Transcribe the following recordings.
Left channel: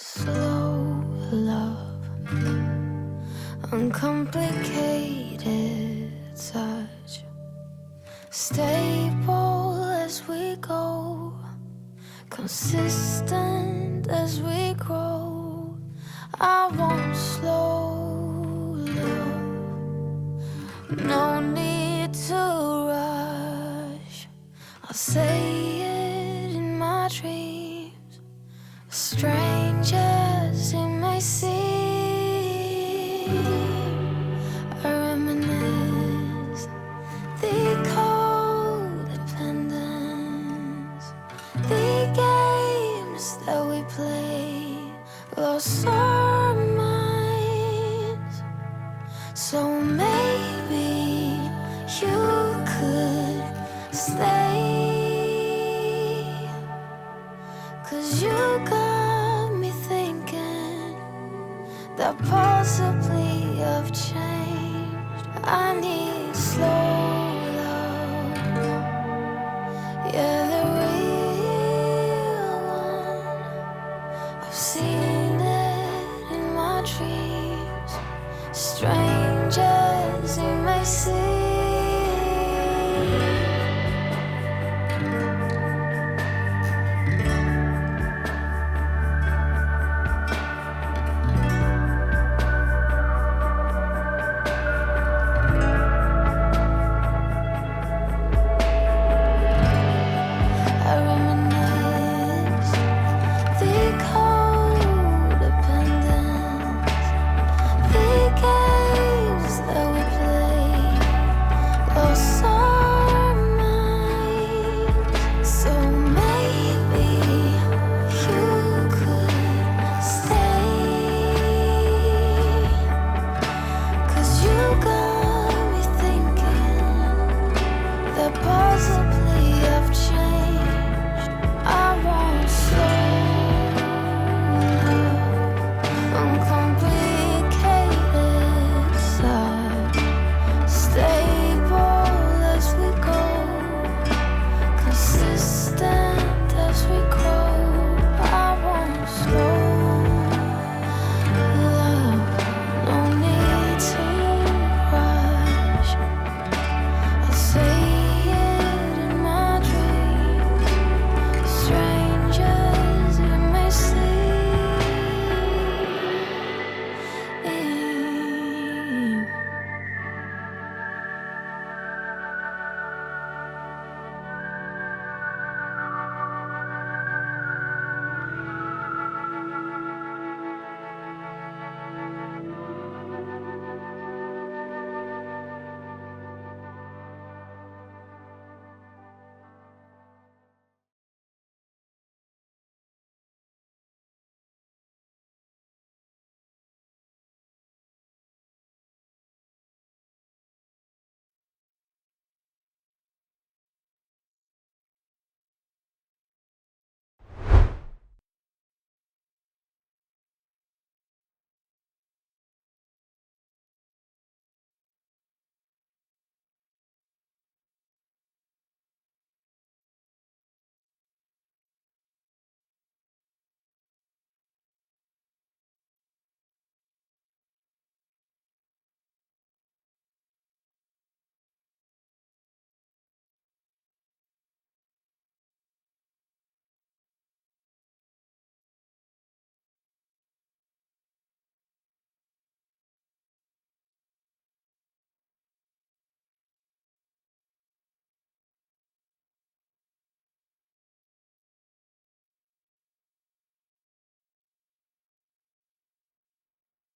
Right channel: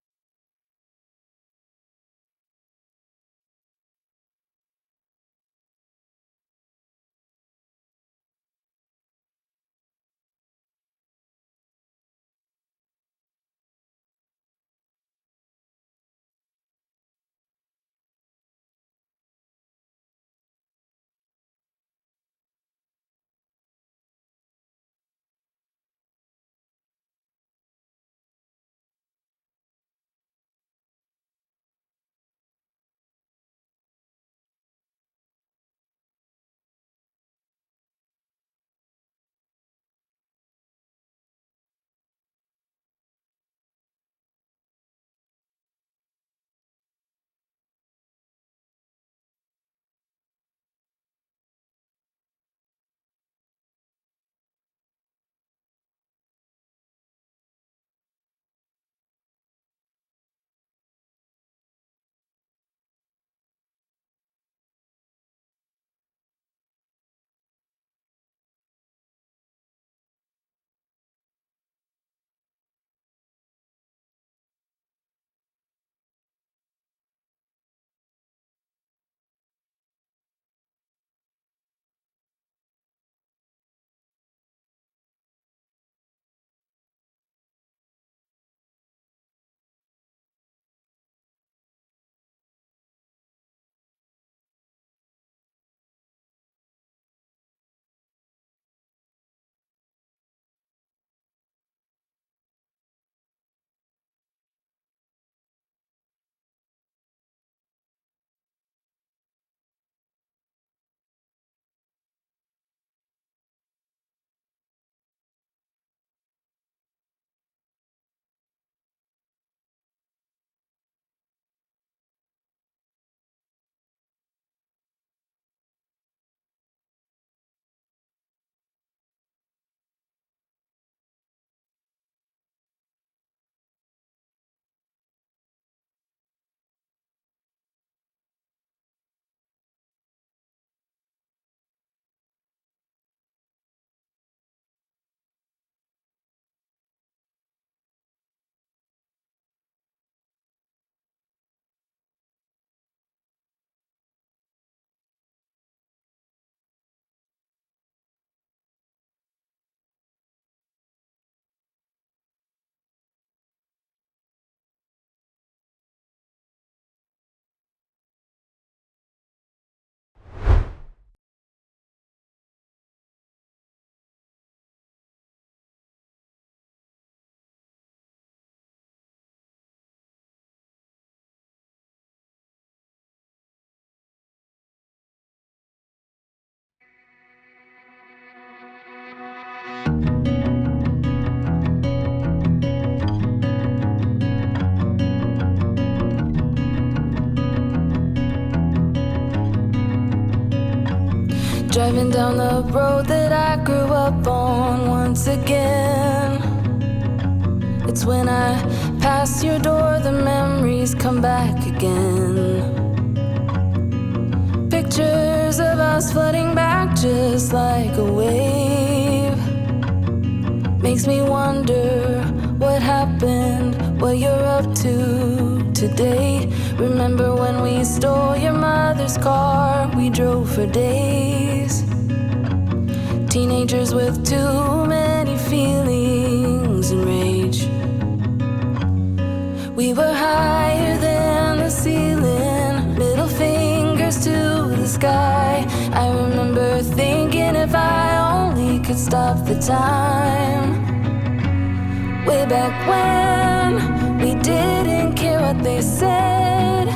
Slow love, uncomplicated touch, stable as we go, consistent as we grow. I want slow love, no need to rush. I'll say it in my dreams, strange as it may seem. I reminisce the codependence, the games that we played, lost our minds. So maybe you could stay, 'cause you got me thinking that possibly I've changed. I need slow love, yeah, the real one. I've seen it in my dreams, strange as it may seem. Driving down the road that I grew up on once again. It's when I pass your door, the memories come back again. Pictures of us flooding back just like a wave. Makes me wonder what happened, what you're up to today. Remember when we stole your mother's car, we drove for days. Teenagers with too many feelings and rage. We were higher than the ceiling, middle fingers to the sky. I remember thinking if I only could stop the time. Way back when we didn't care what they said.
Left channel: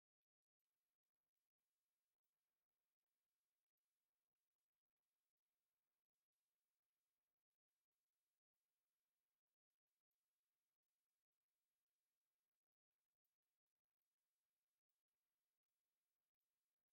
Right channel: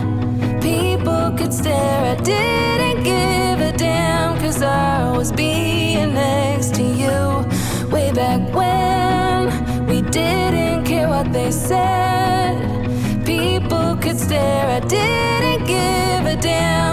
People could stare, I didn't give a damn, 'cause I was being next to you. Way back when we didn't care what they said. People could stare, I didn't give a damn.